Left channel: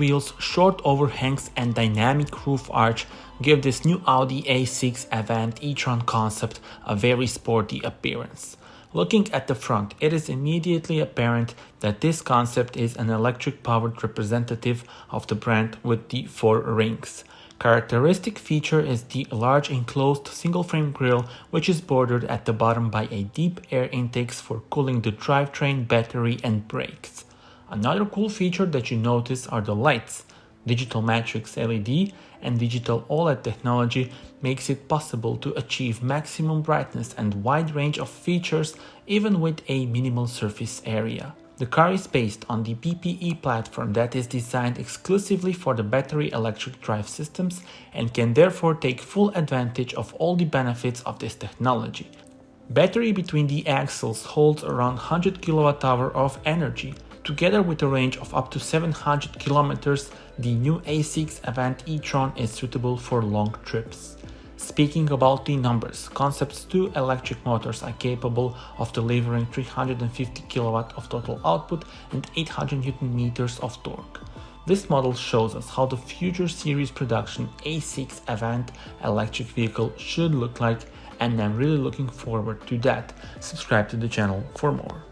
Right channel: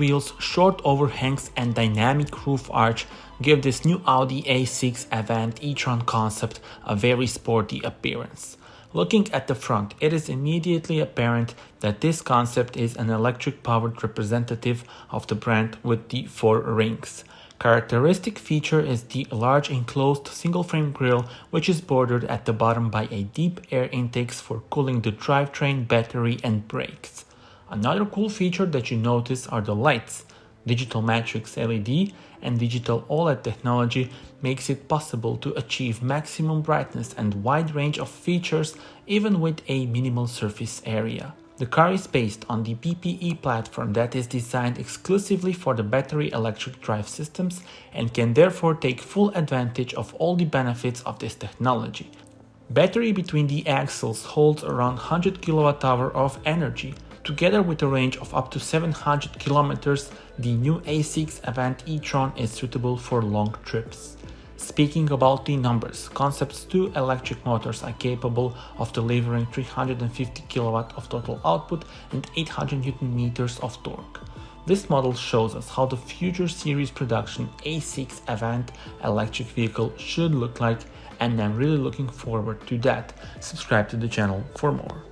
wheels, short overhangs and dynamic roof arch give this new Audi A6 Avant e-tron concept a very sporty appearance. Looking at the front, it is immediately apparent that this concept is an electric-powered representative of the brand with the 4 rings. Characteristic feature is the large enclosed single-frame grille, which is bordered at the bottom by a deep air intakes for cooling the drivetrain, battery and brakes. Another cool feature that you notice are the lights. Digital matrix LED and digital OLED technology makes it possible to achieve maximum brightness and wide range of features even with a minimal surface area. The car is based on the PPE platform that is designed exclusively for the battery electric drive systems and can therefore take full advantage of all the benefits of this technology. Battery between the axles holds around 100 kWh of energy. Together with a range of up to 700 kilometers, the new A6 Avant e-tron is suitable for long trips. Speaking about the numbers, Concept's 2 electric motors are capable of delivering 350 kW of total output and 800 Nm of torque. This model shows us how the future series production A6 Avant electric vehicle should look like, and I'm really looking forward to that. Subscribe to the channel for more.